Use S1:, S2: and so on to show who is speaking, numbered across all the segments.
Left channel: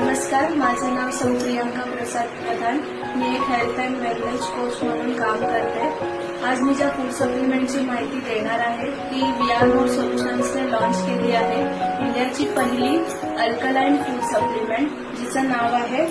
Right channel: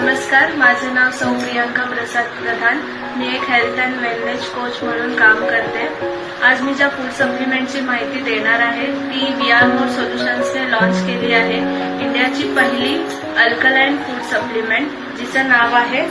S1: नमस्कार माझं नाव सौ प्रियांका प्रसाद प्रधान. मी एक हेल्थ अँड वेलनेस कोच म्हणून काम करते. आज मी ज्या फूड सप्लिमेंटची माहिती देणार आहे ती वी आर मोर सोल्युशन्सने लॉन्च केली आहे. इंडियाची पहिली अल्कलाईन फूड सप्लिमेंट जिचं नाव आहे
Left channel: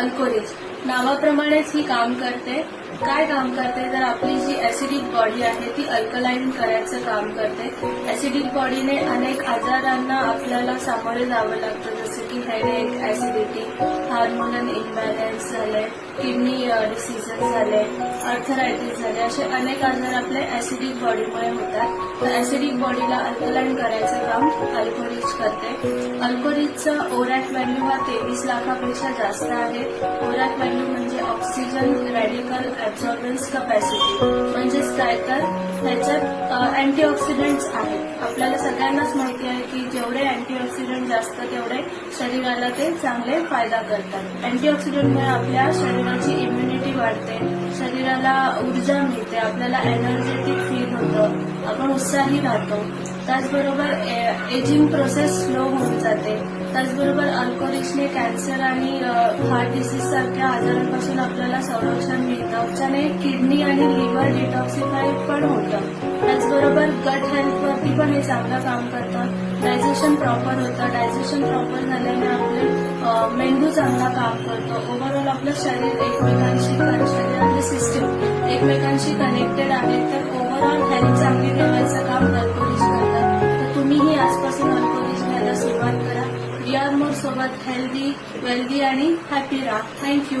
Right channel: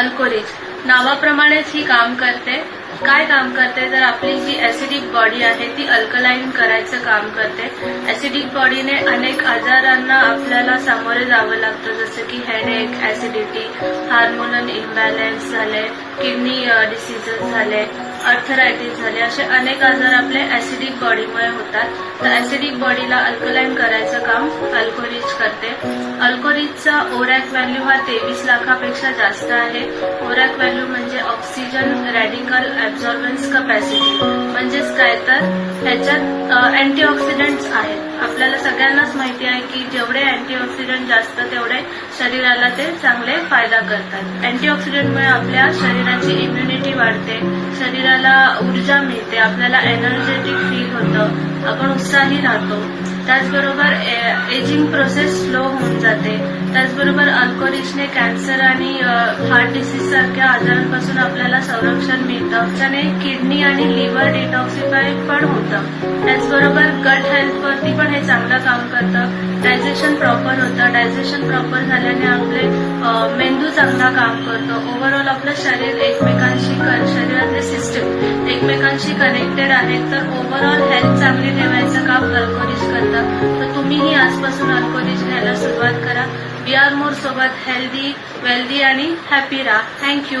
S1: अल्कोरिज नावाप्रमाणेच ही काम करते. काय काम करते? तर आपली जी ऍसिडिक बॉडी आहे ती अल्कलाईन करायचं काम करते. ऍसिडिक बॉडीने अनेक आजारांना आपल्याला सामोरे जावं लागतं. जसं की हेडेक ऍसिडिटी हार्मोनल इम्बॅलन्स झाले किडनी डिसिजेस झाले. अर्थरायटिस झाले. असे अनेक आजार आपले ऍसिडिक बॉडीमुळे होतात. तर ऍसिडिक बॉडीला अल्कलाईन करायचं काम अल्कोरिज करते. अल्कोरिजचा ओरॅक व्हॅल्यू हा तेवीस लाखापेक्षा जास्त आहे. ओरॅक व्हॅल्यू म्हणजे ऑक्सिजन रॅडिकल ऍब्झॉर्बन्स कपॅसिटी म्हणजेच काय तर ह्याच्यात अँटीऑक्सिडंट्स आहेत. आपल्याला सगळ्यांनाच माहिती आहे की जेवढे अँटीऑक्सिडंट जास्त तेवढे शरीराला ते चांगले फायदा करतात. अँटीऑक्सिडंटमुळे आपल्या शरीराची इम्युनिटी वाढते. शरीराला ऊर्जा मिळते आपल्याला एनर्जेटिक फील होतं आपण उत्साही राहतो. त्याचबरोबर एजिंग प्रोसेस स्लो होऊन जाते. त्याचबरोबर अल्कोरिजने कॅन्सर आणि हार्ट डिसीज सारख्या आजारांपासून आपल्याला संरक्षण मिळतं. त्याने किडनी आणि लिव्हर डिटॉक्सिफाय पण होतं. त्याचबरोबर गट हेल्थवरती पण हे चांगलं काम करतं. डायजेशन प्रॉपर होतं. डायजेशन प्रॉपर झाल्याने आपले मेंदू चांगला काम करतो. ओव्हरऑल आपलं शरीर एकमेकांशी शरीरातले सिस्टम एकमेकांशी कनेक्टेड आहेत. तर ओव्हरऑल हेल्थ चांगली ठेवायचं काम अल्कोरिज करतं तर तुम्हीही आजपासून अल्कोरिज घ्यायला सुरुवात करा. बी आर मोर सोबत हेल्दी वेल्दी आणि हॅपी राहा. Thank you